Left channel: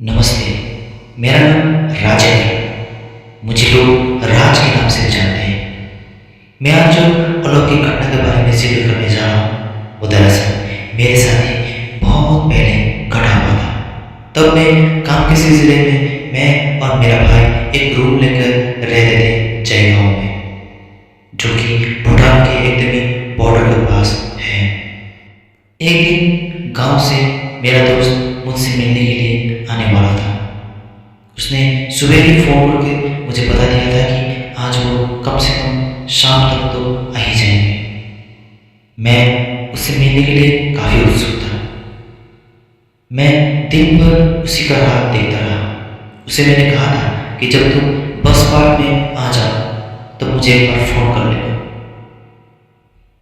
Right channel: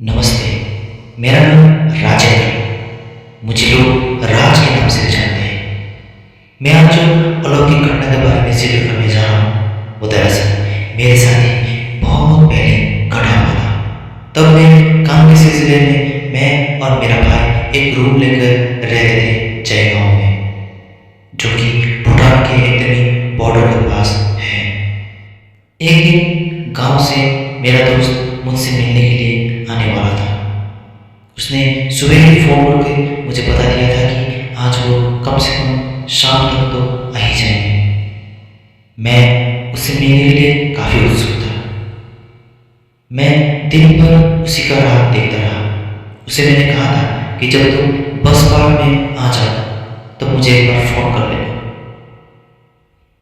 नमस्ते। मेरा नाम राजेंद्र है। मुझे लोग राज के नाम से भी जानते हैं। मैं आज जो अलौकिक घटना के बारे में जिक्र करने जा रहा हूँ वो दरअसल मेरे साथ ही बहुत पहले घटा हुआ था। तब मैं काम के सिलसिले में मैं और मेरा भाई एक रूम लेकर रहते थे जय गाँव में, जो कि भूटान के एकदम ही बॉर्डर के पास है। एक दिन गांव से मेरा दोस्त मुझसे मिलने के लिए आने वाला था। उसने सुबह ही फ़ोन करके मुझे बता दिया था कि आज वो कम से कम शाम तक तो आ ही जाएंगे। मैं उससे मिलने के लिए काफ़ी उत्सुक था। मैं दिन भर उसी का राह देखता रहा। उसे मैंने कहा था कि जब तुम बस पार्क में आ जाओ तब मुझे एक बार फ़ोन कर लेना।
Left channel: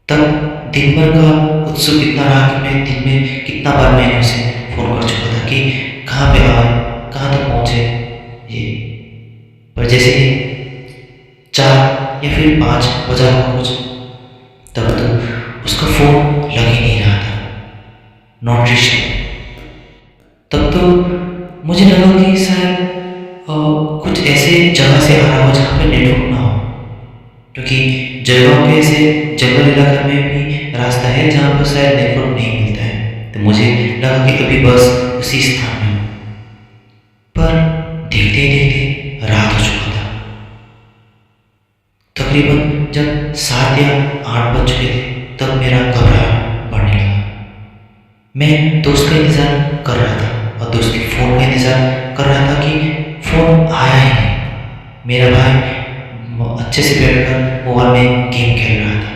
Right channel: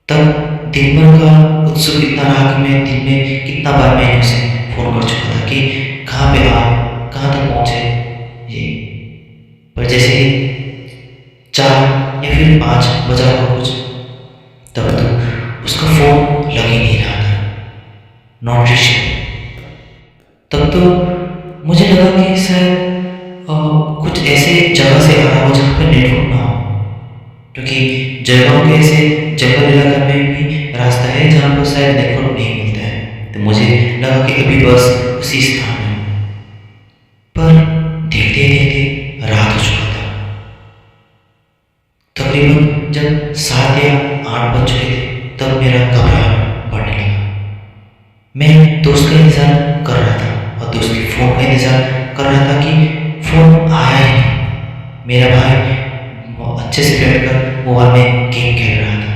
तब दिन भर का उत्सुक इतना रहा कि मैं दिन में कितना बार मैंने उसे फ़ोन कर चुका था कि कहाँ पे आए, कहाँ तक पहुँचे ये। पर जैसे ही 4 या फिर 5 बजा होगा कुछ, तब तो उसका फ़ोन लग ही नहीं रहा था, नॉट रीचेबल। तब तो मुझे लगा कि शायद कुछ ऐसे जगह से आ रहा हो जहाँ पे नेटवर्क ना हो, क्योंकि जयगांव के ऐसे जंगल इलाके में भी रास्ता है जहाँ पर शायद नेटवर्क नहीं मिलता है। तो मुझे लगा कि अभी बस उसी स्थान में हूँ। पर देखते ही देखते रात हो चुका था। तकरीबन जब 7 या 8 बज चुके थे तब मेरा घबराहट बढ़ने लगा। मैं दोस्त का इंतज़ार कर रहा था और दोस्त के फ़ोन का इंतज़ार कर रहा था कि फ़ोन आया ही नहीं। मेरा भाई अच्छे से बैठकर मोबाइल में गेम खेल रहा था।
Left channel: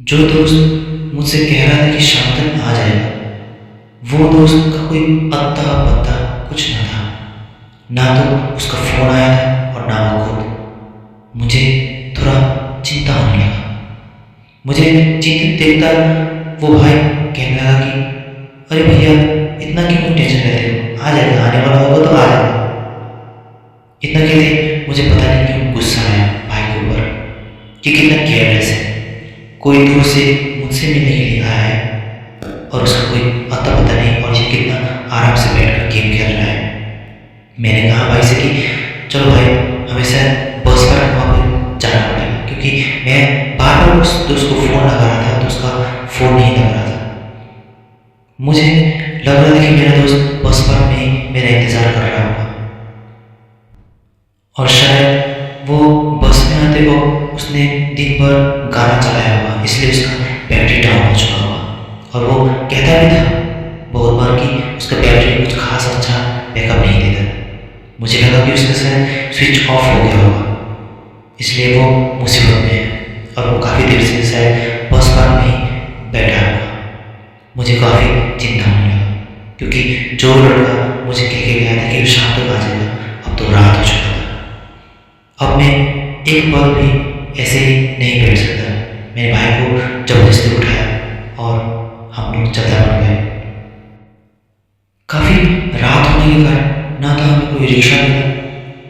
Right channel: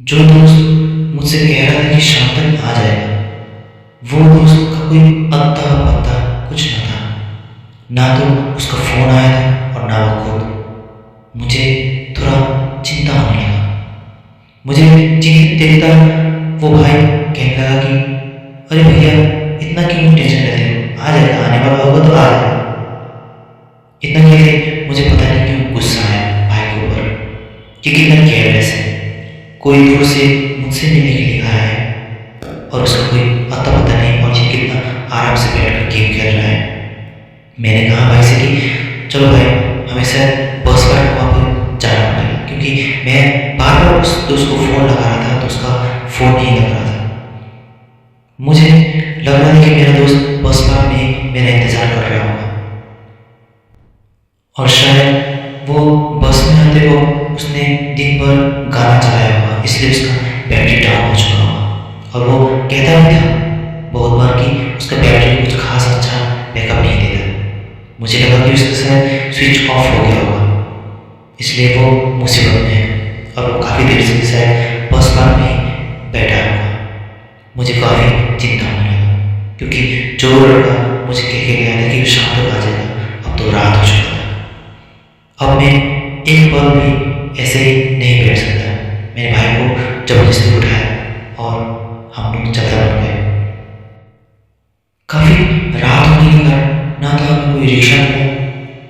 जो दोस्त मुझसे कह रहा था कि शाम तक आ जाएगा, वो दोस्त का कोई अत्ता पत्ता कुछ ना था। ना तो उसका फ़ोन आया था और ना वो खुद। मुझे थोड़ा चिंता होने लगा। मुझे चिंतित देखता वो भाई कहने लगा कि अरे भैया, इतना क्यों टेंशन लेते हो, आ जाएगा, आने वाला होगा तो आ जाएगा। इतना कहते मुझे पता नहीं क्यों गुस्सा आया भाई के ऊपर कि कितना केयरलेस है। कोई दूर से मुझसे मिलने के लिए आया है और उसका कोई अता पता नहीं, और ये कितना आराम से बैठकर गेम खेल रहा है। मैंने कहा भाई से कि चलो भाई, हमें शायद बस पर वहाँ पर जाना पड़ेगा, क्योंकि मैं बार बार उस दोस्त को फ़ोन लगा रहा था तो उसका फ़ोन नहीं लग रहा था। मुझे लग रहा था कि मेरा दोस्त बस पार्क में मेरा इंतज़ार कर रहा होगा, और शायद वो बस में आते वक्त उसने दिन भर गाना चलाया होगा, इसलिए उसका बैटरी डाउन हो चुका होगा। और वो कहता भी था बहुत बार कि उसका बैटरी कुछ खास अच्छा बैकअप नहीं देता। मुझे लगा कि उसका शायद स्विच ऑफ हो गया होगा, इसलिए वो मुसीबत में है और वो काफ़ी देर से शायद बस पार्क में ही बैठा होगा। मुझे काफ़ी चिंता होने लगा, क्योंकि जो लड़का मुझे कह के गया था कि वो शाम तक आ जाएगा, अब तो रात हो चुका था। अब मैं एक पल भी ऐसे ही नहीं बैठ सकता। मेरे भाई को ज़बरदस्ती उठाया और हम लोग चलता बन गए। काफ़ी रात होने के कारण ना तो हमें कोई रिक्शा मिला,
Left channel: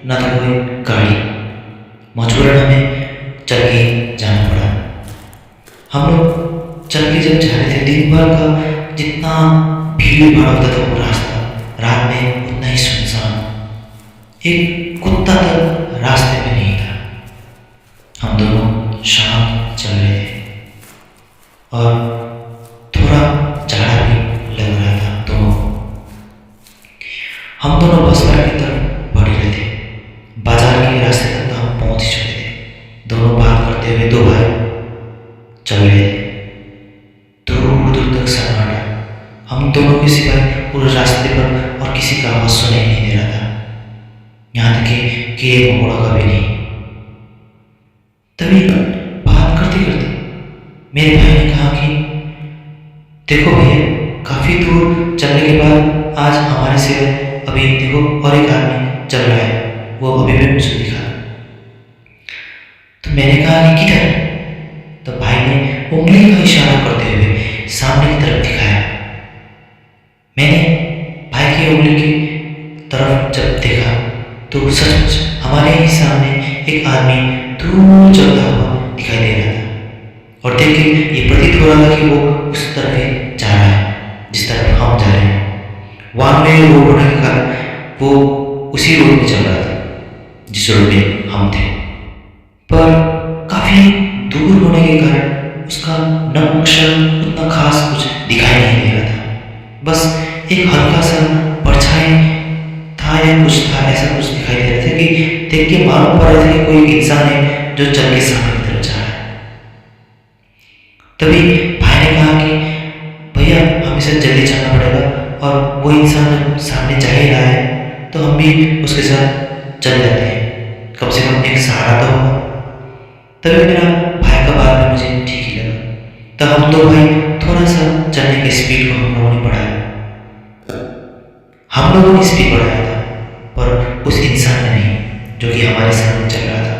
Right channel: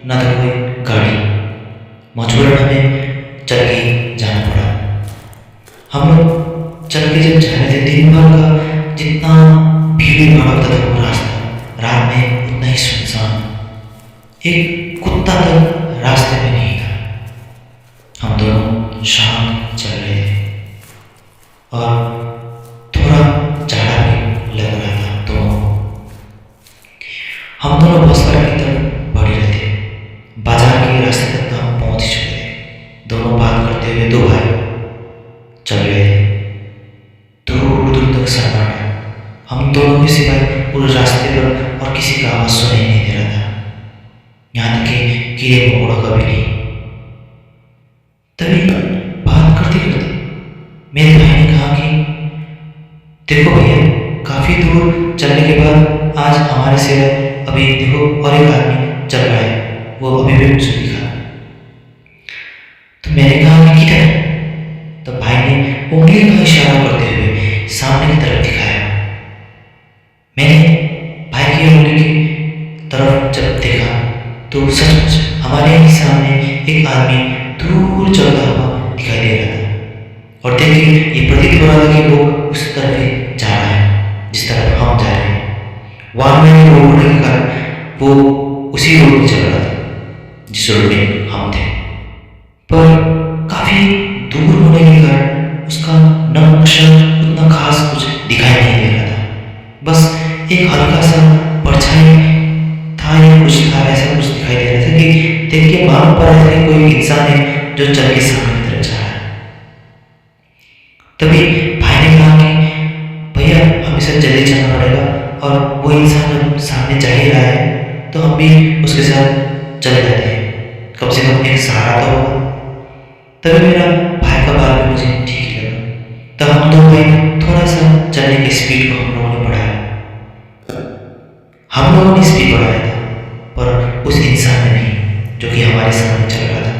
ना तो कोई गाड़ी। मजबूरन हमें चल के जाना पड़ा। हम लोग चल के जब जा रहे थे, दिन भर का जितना भीड़ भाड़ होता था वो रास्ता, रात में उतना ही सुनसान। एक कुत्ता तक रास्ते में नहीं था। हम दोनों शांत चल रहे थे और थोड़ा जाड़ा भी लग रहा था दोनों को। हम दोनों बस पार्क की तरफ बढ़ रहे थे। बाजार के रास्ते तक तो हम पहुंच ही चुके थे। दोनों बात करते हुए दो भाई चल रहे थे। दूर दूर तक सन्नाटा। हम दोनों के सिवाय पूरे रास्ते पर और किसी का आवाज़ सुनाई नहीं दे रहा था, यहाँ तक कि कीड़े मकोड़ों का भी नहीं। तभी बात करते करते मेरे भाई ने कहा कि देखो भैया, काफ़ी दूर चलने के बाद आज हमारे सिवाय अभी देखो और एक आदमी चल रहा है, वो अभी भी मुझे दिखा। तो मैंने कहा कि किधर? तो भाई ने उंगली का इशारा करते हुए सामने की तरफ दिखाया। मैंने भाई की उंगली की तरफ जब देखा तो सचमुच हमारे ही सामने एक आदमी दूर चलता हुआ दिखाई दे रहा था, और देख के ये प्रतीत हो रहा था कि वो उस तरफ ही जा रहा है जिस तरफ हम जा रहे हैं। वाहन में रोड होने के कारण वो उसी रोड में चल रहा था जिस रोड में हम थे। पर काफ़ी दूर होने के कारण उसका नक्शा उतना खास कुछ दिखाई नहीं दे रहा था। बस एक हल्का सा परछाई था या कुछ था, ऐसा कुछ दिखाई दे रहा था कि देख के मालूम पड़ रहा था कि कोई इंसान है जो चल के सामने की तरफ जा रहा है। तभी भाई ने कहा कि भैया हमेशा जल्दी चलना पड़ेगा, और वो इंसान जब सामने जा ही रहा है तो हम भी उसके साथ चल जाते हैं, कम से कम एक सहारा तो होगा। तभी मेरा भाई का बात भी मुझे ठीक ही लगा। तो हम दो भाई थोड़ा सा चलने के स्पीड को हम लोगों ने बढ़ाया। हम लोगों ने स्पीड बढ़ाया था, पर उस इंसान ने नहीं जो कि हमारे सामने चल रहा था।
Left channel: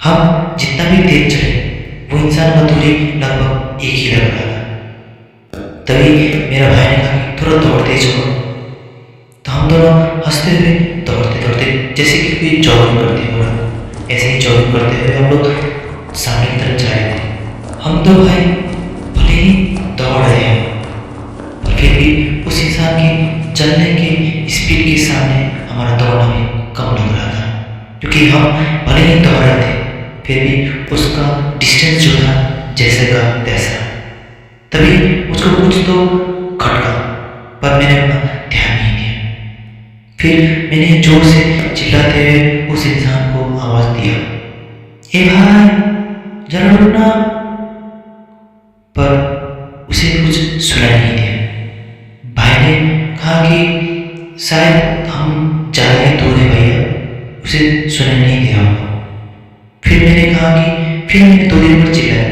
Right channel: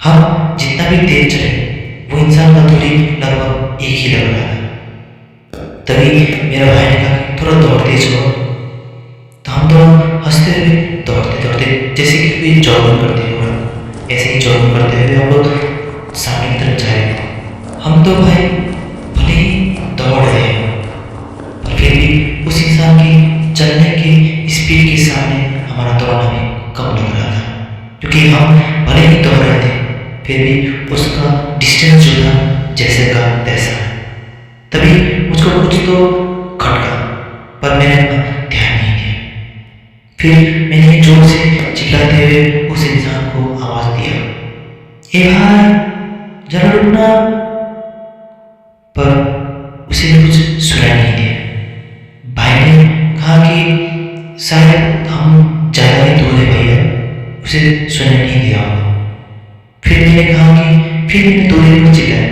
हम जितना भी तेज चले वो इंसान का दूरी लगभग एक ही लग रहा था। तभी मेरा भाई ने कहा कि थोड़ा दौड़ तेज हो। तो हम दोनों हंसते हुए दौड़ते दौड़ते जैसे कि कोई जॉगिंग करते हो रहा, ऐसे ही जॉगिंग करते हुए हम लोग सामने की तरफ जा रहे थे। हम दो भाई भले ही दौड़ रहे हैं, पर फिर भी उस इंसान की चलने के स्पीड के सामने हमारा दौड़ना भी कम लग रहा था, क्योंकि हम भले ही दौड़ रहे थे फिर भी उसका डिस्टेंस जो था जैसे का तैसा। तभी मुझको कुछ तो खटका, पर मैंने अपना ध्यान नहीं दिया। फिर मैंने जोर से चिल्लाते हुए उस इंसान को आवाज़ दिया, ए भाई जरा रुकना। पर उसे कुछ सुनाई नहीं दिया। भाई ने कहा कि शायद हम ज़्यादा ही दूर है भैया, उसे सुनाई नहीं दिया होगा। फिर मैंने 2 दिन पर चिल्लाया।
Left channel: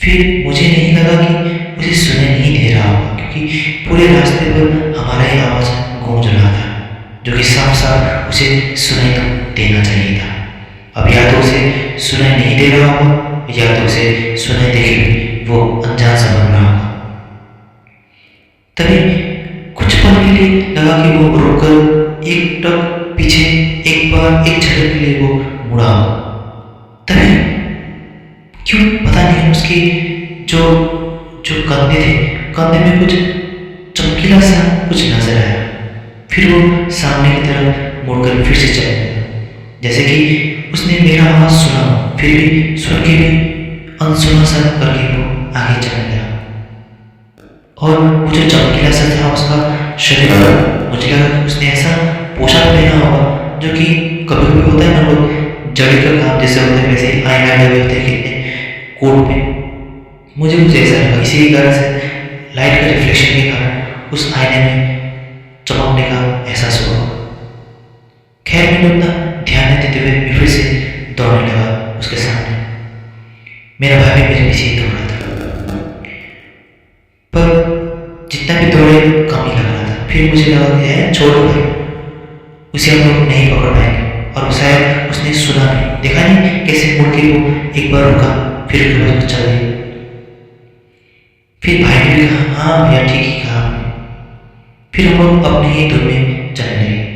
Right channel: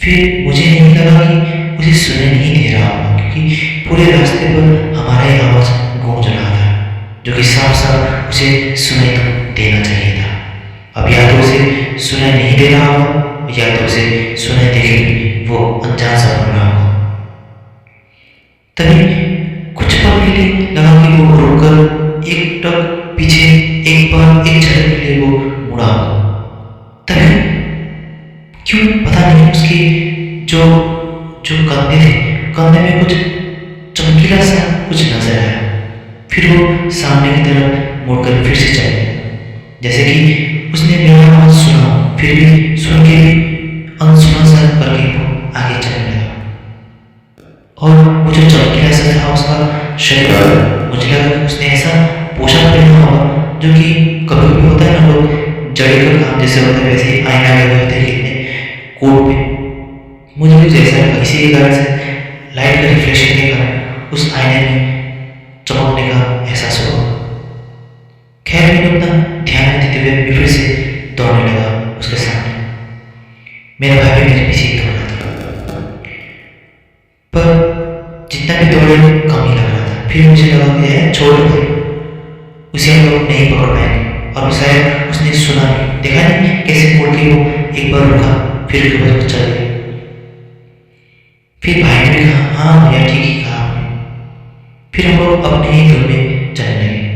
फिर मुझे नहीं लगा कि उसे सुनाई नहीं दे रहा होगा, क्योंकि पूरे रास्ते पर हमारा ही आवाज़ गूंज रहा था, जो कि साफ साफ उसे सुनाई तो देना चाहिए था। अब या तो उसे सुनाई नहीं दे रहा होगा या तो उसे सुनाई देके भी वो अनजान सा बन रहा होगा। तभी कुछ पल के लिए लगा कि वो रुककर एक टक पीछे एक बार एक झलक के लिए वो मुड़ा होगा। तभी क्यों पता नहीं उसकी जो कंधे थे, कंधे में कुछ चमकीला सा कुछ नजर आया। फिर वो सामने की तरफ मुड़कर फिर से चलने लगा, जैसे कि उसने मेरा आवाज़ सुना, फिर भी सुन के भी अनसुना सा करके वो आगे चलने लगा। और वो जो चमकीला सा था उसका शरीर, मुझे लगा कि उसने ऐसा पोशाक पहना होगा जो कि कभी कभी होता है ना, लोग जड़ी का काम जैसे होता है वैसे ही आईना लगे होते हैं कितने कोट पे। मुझे कुछ ऐसा लगा, इसी कारण से लाइट का रिफ्लेक्शन के कारण उस आईने में चमकने का एहसास हुआ। खैर मैंने अपना ध्यान नहीं देते हुए मैं फिर से दौड़ने लगा उसके सामने। मेरा भाई भी मेरे पीछे ही दौड़ रहा था, पर जितना भी दौड़े कम ही लग रहा था। फिर मुझे लगा कि यार छोड़ दो भाई, उसे हम लोग नहीं पकड़ पाएंगे। और शायद उसने सुना नहीं, देखा नहीं कैसे मुड़ के वो एक बार रुका, फिर उसके बाद वो चल गई। फिर भाई ने भी कहा हाँ भैया ठीक ही कहा आपने। फिर हम लोग अपने ही धुन में चलने लगे।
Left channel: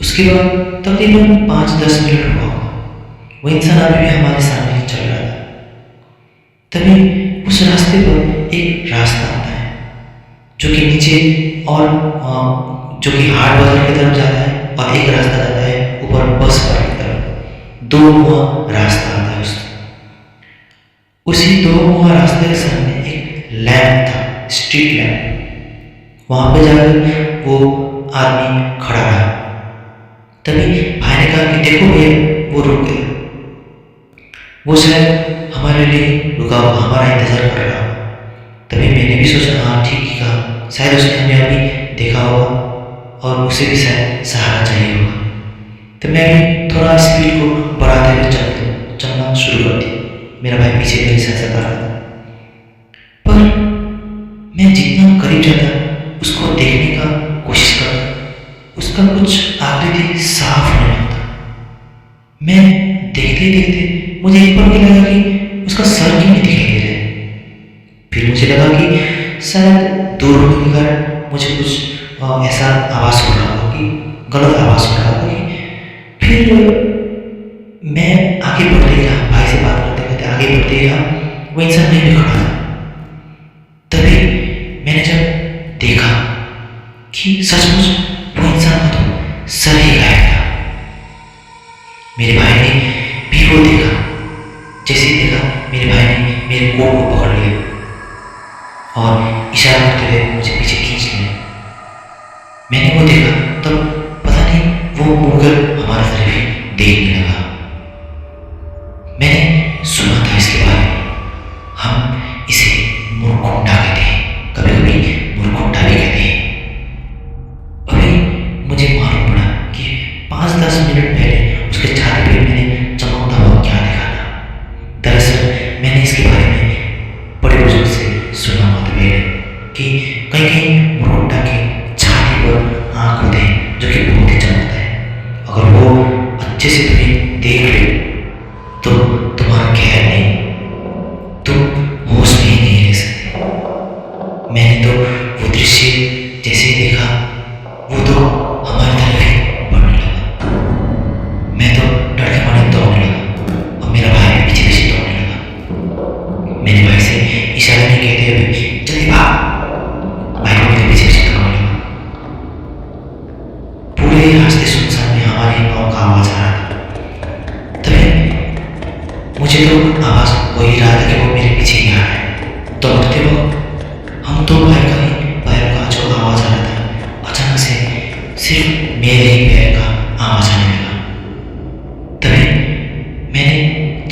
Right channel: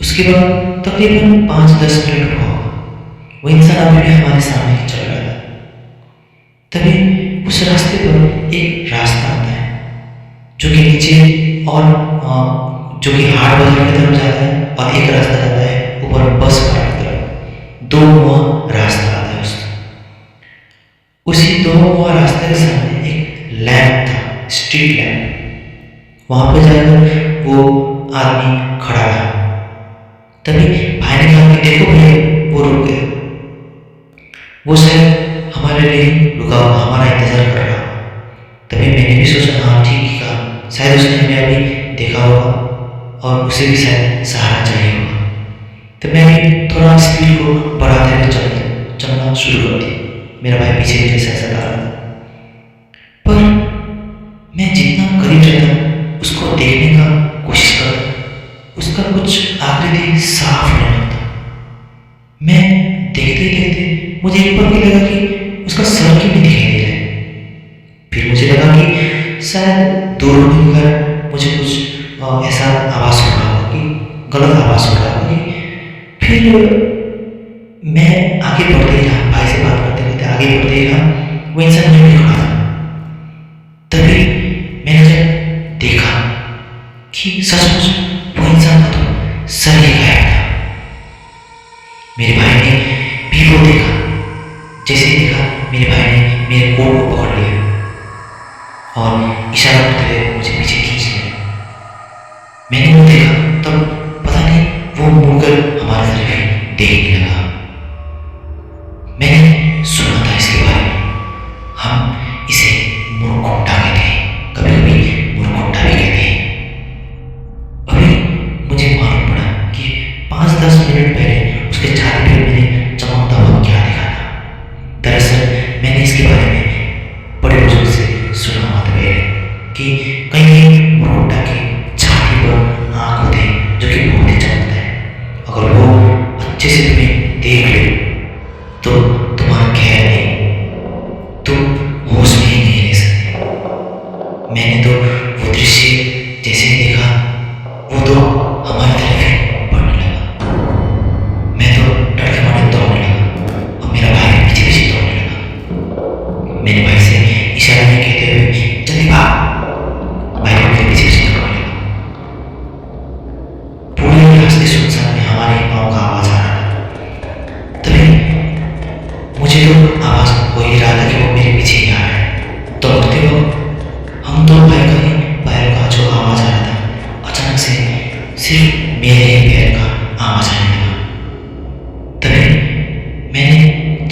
उसके बाद तकरीबन 5-10 मिनट हुआ होगा, वो इंसान अभी भी हमारे सामने ही चल रहा था। तभी उस रास्ते पर एक रास्ता आता है जो कि नीचे और जो कि हाट बाजार की तरफ जाता है, और एक रास्ता जाता है ऊपर बस पार्क की तरफ। 2 मुहा रास्ता आता है उसी 2 मुहा रास्ते के सामने एक लैंप था, स्ट्रीट लैंप। वहाँ पे जाकर वो आदमी खड़ा रहा। तभी भाई ने कहा कि देखो भैया वो रुक गया, वो शायद हमारे लिए रुका होगा, हमारा इंतज़ार कर रहा होगा। तभी मैंने भी सोचा हाँ ठीक ही कहा, शायद उसने हमें अभी देखा होगा और उसे भी शायद सहारा चाहिए होगा। तो मैं भी थोड़ा स्पीड को बढ़ाते हुए चलना शुरू कर दिया। मेरा भाई पीछे मेरे साथ साथ आ रहा था, पर मैं जितना करीब जाता उसको देखने का कोशिश करता, उसका कुछ आकृति साफ होने लगता। मैं देखते देखते मुझे एक पल के लगा कि उसका सर क्यों नहीं दिखाई दे रहा है। फिर मुझे लगा कि शायद दूर होने के कारण मुझे कुछ ऐसा आवाज़ हो रहा होगा कि गलत आवाज़ हो रहा होगा कि। फिर मैं आगे बढ़ते ही रहा, भाई से बात करते करते आगे बढ़ते ही रहा। वो इंसान वहीं पे खड़ा था। तभी मैंने जब देखा कि सचमुच वो इंसान का तो सर ही गायब था। मेरे भाई ने भी वो देखा। जैसे ही देखा, मेरे भाई ने मेरे कोट को पकड़ लिया और इशारा करते हुए मुझे पीछे खींच लिया। मैंने वो देखा, तब पता नहीं वो मुड़कर हमारी तरफ ही देखने लगा। मैंने सुना था इसके बारे में, हम इसे मुरकुंडा कहते हैं, कभी कभी मुरकुंडा भी कहते हैं। अभी मुझे मालूम पड़ा कि 5-10 मिनट पहले उसके छाती पे मैंने चमकता हुआ क्या देखा था। दरअसल मैंने इसके बारे में बड़े बुजुर्ग से सुना हुआ था पहले कि कहीं कहीं मुरकुंडा के छाती पर आँख होते हैं जो कि बहुत ही चमकता है। अगर वो अच्छे से तुम्हें देख ले तो तुम्हारा खैर नहीं, तुम होश में ही नहीं रह सकते। मैंने तो वो दृश्य जैसे ही देखा, वो तो हमारी तरफ ही बढ़ने लगा। मैं तो डर के मारे दौड़ने लगा और मेरा भाई भी पीछे पीछे दौड़ने लगा। मेरे भाई से इशारे में कहते हुए जल्दी भाग, भाई भी मेरे पीछे पीछे दौड़ने लगा। पूरे रास्ते सुनसान में हमारे पाँव का आवाज आ रहा था। तभी मुझे तो आवाज हो ही रहा था कि वो मेरे पीछे ही आ रहा है। दौड़ते वक्त हम दो भाई का ही पैर का जो आवाज आ रहा था, अचानक से सिर्फ मेरे ही पैर का आवाज आने लगा। तभी मैंने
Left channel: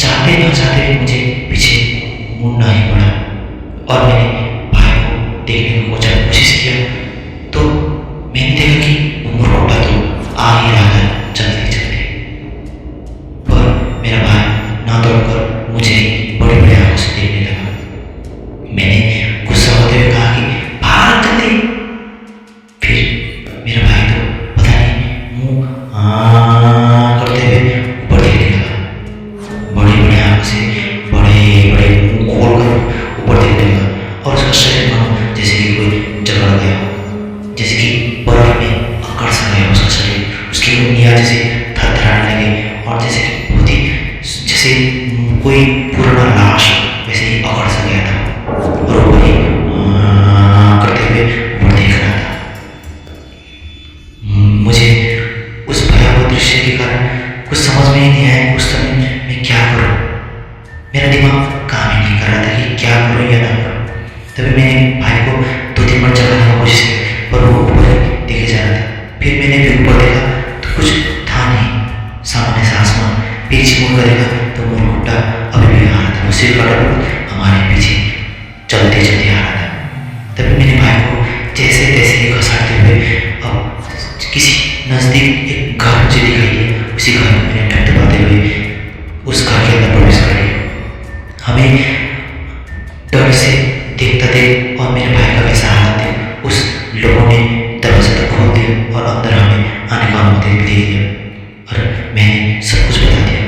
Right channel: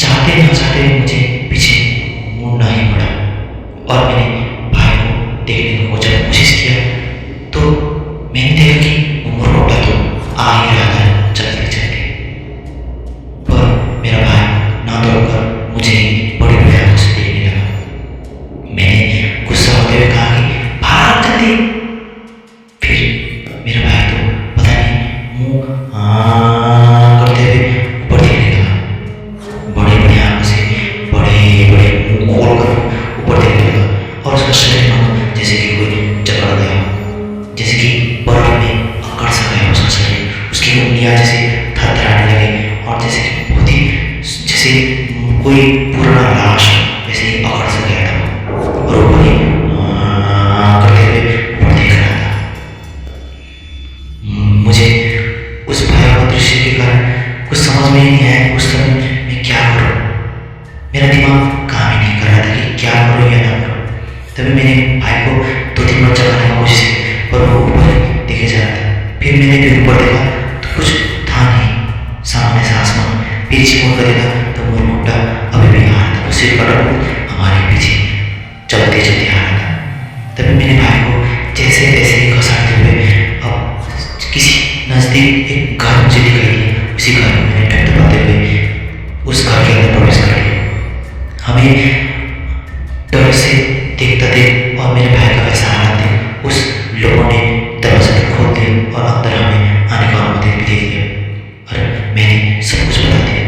चाहते ना चाहते मुझे पीछे मुड़ना ही पड़ा और मैंने भाई को देखने की कोशिश किया तो मैंने देखा कि वो मुरकुंडा तो आ ही रहा था चलते चलते। पर मेरा भाई ना दौड़कर मुझे बड़ी बड़ी आंखों से देखने लगा। मैंने गुस्सा होते हुए कहा कि भाग जल्दी। फिर मेरा भाई तो पता नहीं मुंह करते हुए ऊपर देखने लगा। बड़ी बड़ी आंखों से बड़े बड़े मुंह खोल कर ऊपर देखने लगा और उसका शरीर मानो जैसे कि कोई जकड़ गया, जैसे कि बर्फ में अकड़ सा गया उसका शरीर। उसकी उंगलियां जैसे थरथराने लगे और जैसे कि बहुत ही जैसे कोई पुराना लाश वैसे ही अकड़ सा गया था और ऊपर ही करते हुए ऊपर देख रहा था। मुझे उस भयावह दृश्य के कारण कुछ समझ में ही नहीं आया उस समय मैं क्या करूं। मेरा दिमाग काम ही नहीं कर रहा था कि क्या करूं या ना करूं। तभी मैंने भाई को 2-3 बार जगाने की कोशिश की पर वो ऊपर ही देखे जा रहा था। फिर मैंने भी ऊपर देखा तो कुछ था नहीं, सामने से आसमान। पीछे मुड़ कर देखा तो मुरकुंडा अभी भी आ रहा था। वो सिर का डबल हमारे पीछे चलते चलते आ रहा था। तभी मैंने भाई को जैसे तैसे ही खसाटते हुए अब किसी नज़दीक एक घर मुझे दिखाई दिया, उसी घर में मैंने टपटपाते हुए उस घर के अंदर प्रवेश कर लिया। हमें डर से देखता देख और मेरे भाई का वैसा हालत देख उस लोगों ने दरवाजा तक खोल दिया और अंदर हमें आने का अनुमति भी दे दिया और मैंने सब कुछ बता दिया।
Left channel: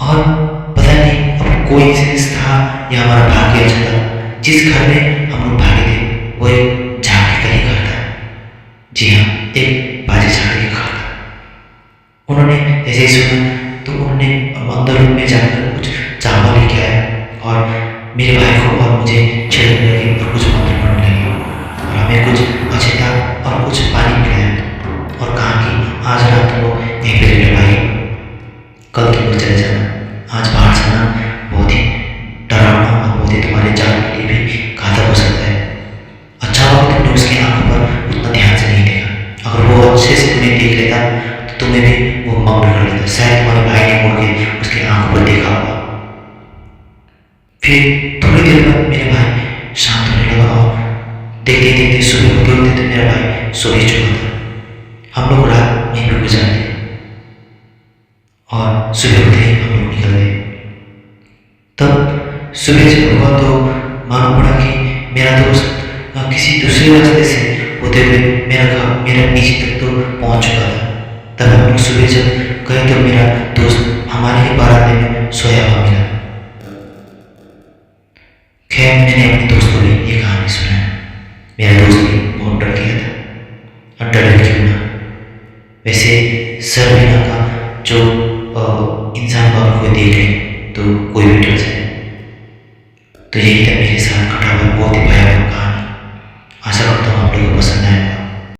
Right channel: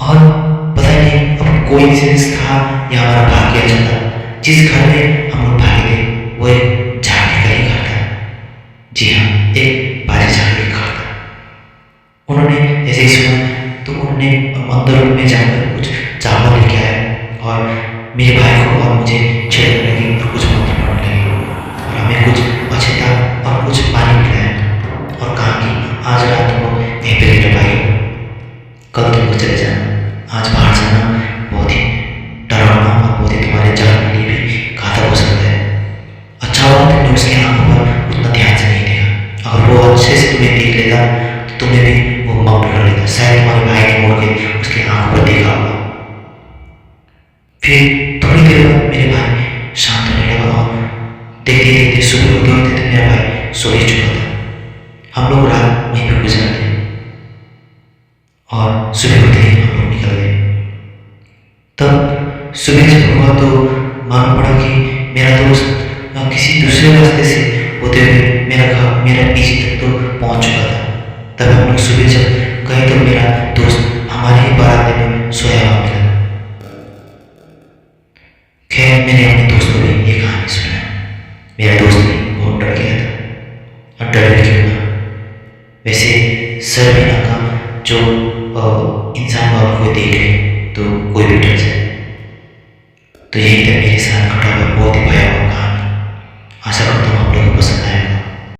और पता नहीं अब कोई इंसिडेंस था या हमारा भाग्य अच्छा था। जिस घर में हम लोग भागे थे वो एक झाड़ी का ही घर था। जी हाँ, एक बाजी झाड़ी का घर था। उन्होंने जैसे ही सुना तो उन्होंने अंदर रूम में जाकर कुछ चावल लेके आया और मेरे भाई को और मुझे छेड़ने लगे और कुछ मंत्र पढ़ने लगे और हमें कुछ अछेता और कुछ पानी पिलाया और कहा कि आज रात तुम लोग यहीं पे लेटो भाई, कल तुम लोग चले जाना। आज बाहर जाना बहुत ही डरावना और बहुत ही तुम्हारे जान के लिए भी घातक हो सकता है। अच्छा हुआ तुमने उसकी आंखों पर उतना ध्यान से नहीं देखा। अगर वो अच्छे से तुम्हें देख लेता तो तुम्हें भी वो मग्न कर लेता। शायद तुम्हारे भाई ने मुड़ के उसकी आंखों पर देखा होगा। फिर थोड़ी देर बाद मेरे भाई शांत होने लगा और देखते देखते सुबह होते होते तो मेरा भाई सो ही चुका था। हम लोग रात वहीं पर गुजार दी और सुबह होते ही हम लोग निकल गए। तब सुबह जब हुआ तो मालूम पड़ा कि मेरा दोस्त किसी दूसरे रास्ते से होते हुए मेरा पीछे तक तो पहुंच चुका था। तब हम लोग सुबह जब गए तो मेरा दोस्त हमारे ही बारात में सोया हुआ मिला। खैर मैंने अपने दोस्त को भी ये कहानी सुनाया। मेरा दोस्त भी बहुत डर गया था और डरे क्यों ना, वैसे सर बिना का जो इंसान को कोई देख ले तो कोई भी डर जाए। तो यही तक मेरे साथ घटा हुआ बहुत ही भयावह कहानी। आशा करता हूँ आप लोगों को पसंद आए।